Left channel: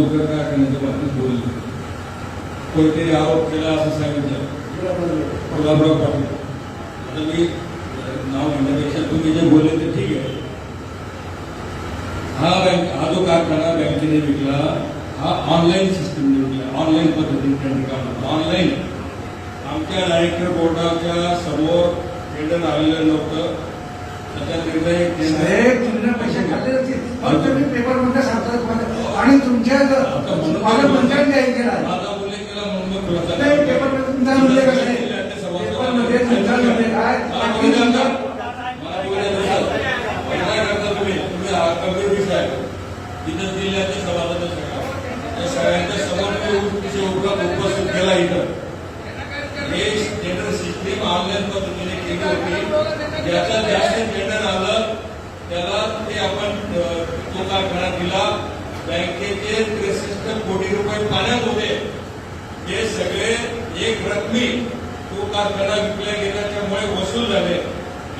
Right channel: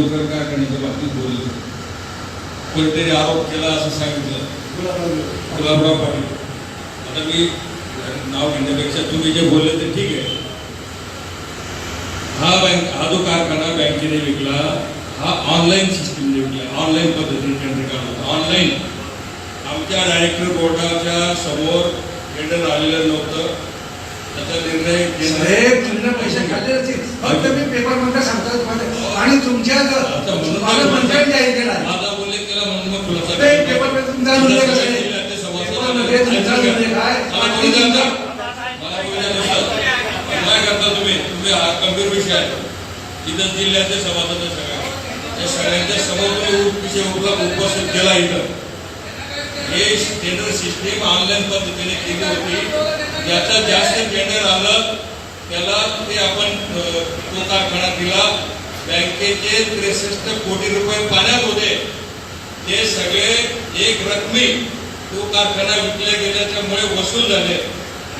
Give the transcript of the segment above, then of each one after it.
लवकर काय करण्याच्या बाबतीत बोलले कोणतरी आरोप केला असं सांगितलं. गुलाबराव पाटील. आता मी नाव घेण्यापेक्षा तुम्ही जे बोलले ते ठीक आहे. हा बँक हा जो कारखाना बँकेने विकला हा ऑनलाईन सिस्टीमने विकला ऑनलाईन पद्धतीने टेंडर काढला ऑनलाईन. आमच्या डायरेक्टर बोर्डाच्या समोर टेंडर आलेलं नव्हतं. त्याचा निर्णय केंद्र- साहेब तुमने पैसे खाल्ले असतील फक्त मी पेपरमध्ये सांगतो तुम्हाला आणि तुमच्या आता म्हणून मला मंत्र्यांनी ऐकलं आहे. माझा उल्लेख केला म्हणून मग खुलासा नाही, केला. सगळ्या जिल्ह्यातले सभासद पेपरमध्ये नुसतं. काय? करता तुम्ही. तुम्ही हा गंभीर विषय आहे. इथं जिल्ह्यातले सभासद आहेत सगळ्या. त्या सगळ्यांच्या समोर तुम्ही विषय उपला उपस्थित केला इथं. हे टेंडर सिस्टीम ऑनलाईन पद्धतीने केली होती. ज्याचं जास्त टेंडर आलं त्याला ते आपण तो कारखाना दिला. बँकेचे त्रेसष्ट कोटी रुपये पाण्यात होते. ते सगळे एक रकमी तो कारखाना विकल्या गेल्याच्यामुळे वसूल झाले.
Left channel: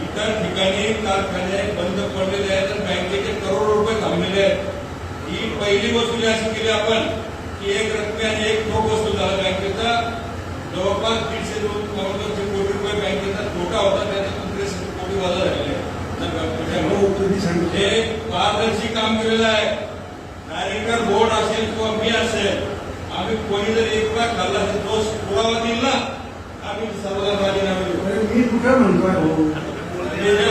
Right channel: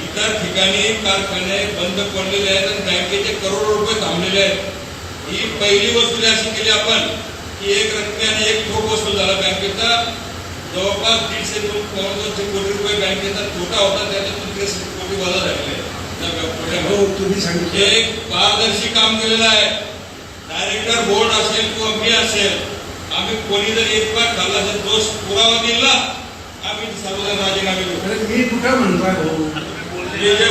इतर ठिकाणी कारखाने बंद पडलेले आहेत आणि बँकेचे करोडो रुपये थांबलेले आहेत. ही पहिली वसुली अशी केली आपण की एक रकमी आणि एक ठोक वसूल झाला बँकेचा. जवळपास दीडशे दोन दोनशे कोटी रुपये बँकेचा तोटा होता त्याच्यातून त्रेसष्ट कोटी वजा झालेले. हो सांगितलं. हे एक पारदर्शी काम केलेलं आहे. डायरेक्टर बोर्ड असेल किंवा मी असेल आम्ही कोणी जर एक रुपया खाल्ला तर दोष पुरावा दिला आम्ही सर्वजण राजीनामे देऊ. मी कुठं म्हणतोय?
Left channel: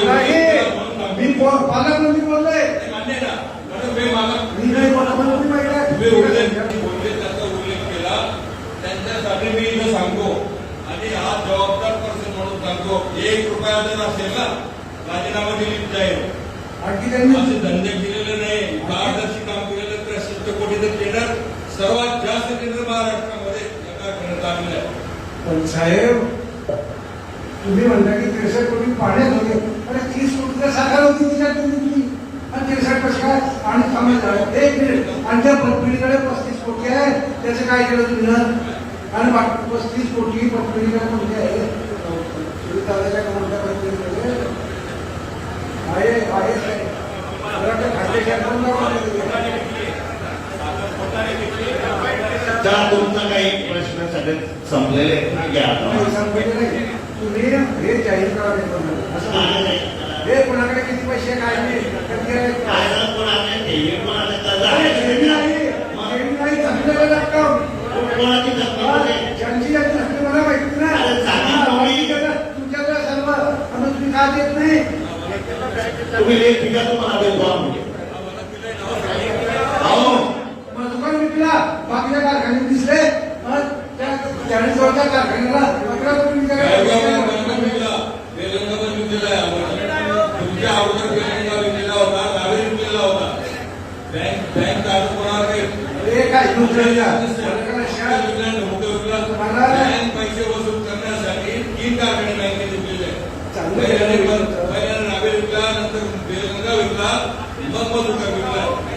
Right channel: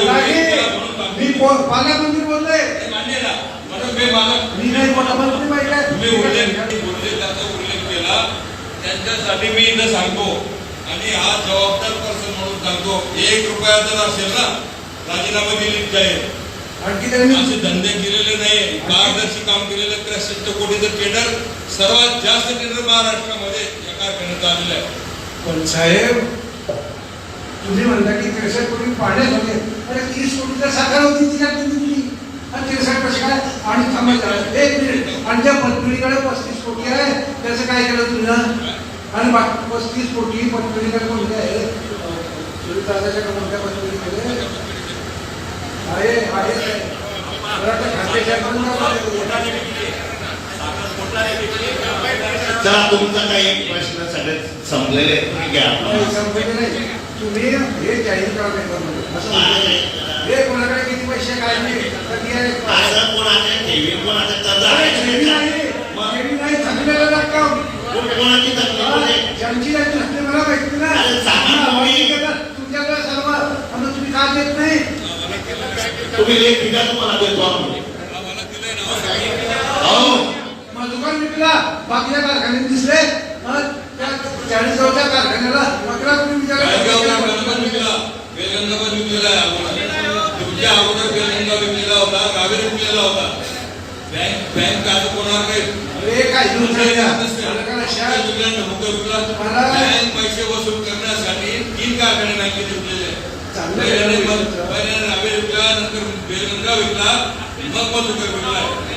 बाकी- मी पालकमंत्री बोललोय मान्य ना? म्हणून मी नाही पालकमंत्री पाहिजे तुम्ही उल्लेख बोलले त्याचा उल्लेख केला. त्यांच्यासाठी मी इथं सांगतो. आणि हा जबाबदार पर्सन म्हणून सांगतो. एक रुपया जर असेल ना राजीनामा दिलीच जाईल. आणखी त्यांनी असे धंदे केलेले नाही पारदर्शी काम केलेले त्रेसष्ट कोटीचं टेंडर सर्वात जास्त टेंडर महाराष्ट्रामध्ये या कारखान्यात आलेलं आहे. पण साहेब तुम्ही म्हणता की त्रेसष्ट कोटी पाण्यात होते अरे तीस कोटीला साखर होती तिच्याकडे दिली आणि त्रेसष्ट कसं काय? आणि कमी करा एक मिनिट. आणि त्या पतपिढीकडे पस्तीस कोटी आहे त्याचं काय केलं तुम्ही आणि बाकी पस्तीस कोटी पतपिढीकडे कोणते आहे सूर्यकांताच्या कोणत्या पतपिढीमध्ये आहे आहे साहेब. मला वाटतं खात्याच्या चला तुमचा काही प्रश्न सगळे संपलेले तुम्ही. तुम्ही हे जाहीर करा पेपरमध्ये. असं म्हणतो. हे कोणाकडे किती पैसे काय नाही. कधी आहे. काय जर कोणाचे विकला नव्हतं विकला. मला- बँक पैसे वसूल करण्यासाठी तीन कारखाने बँकेने विकलेले विकला नंतर बेलगंगा विकला मग मधुकर विकला.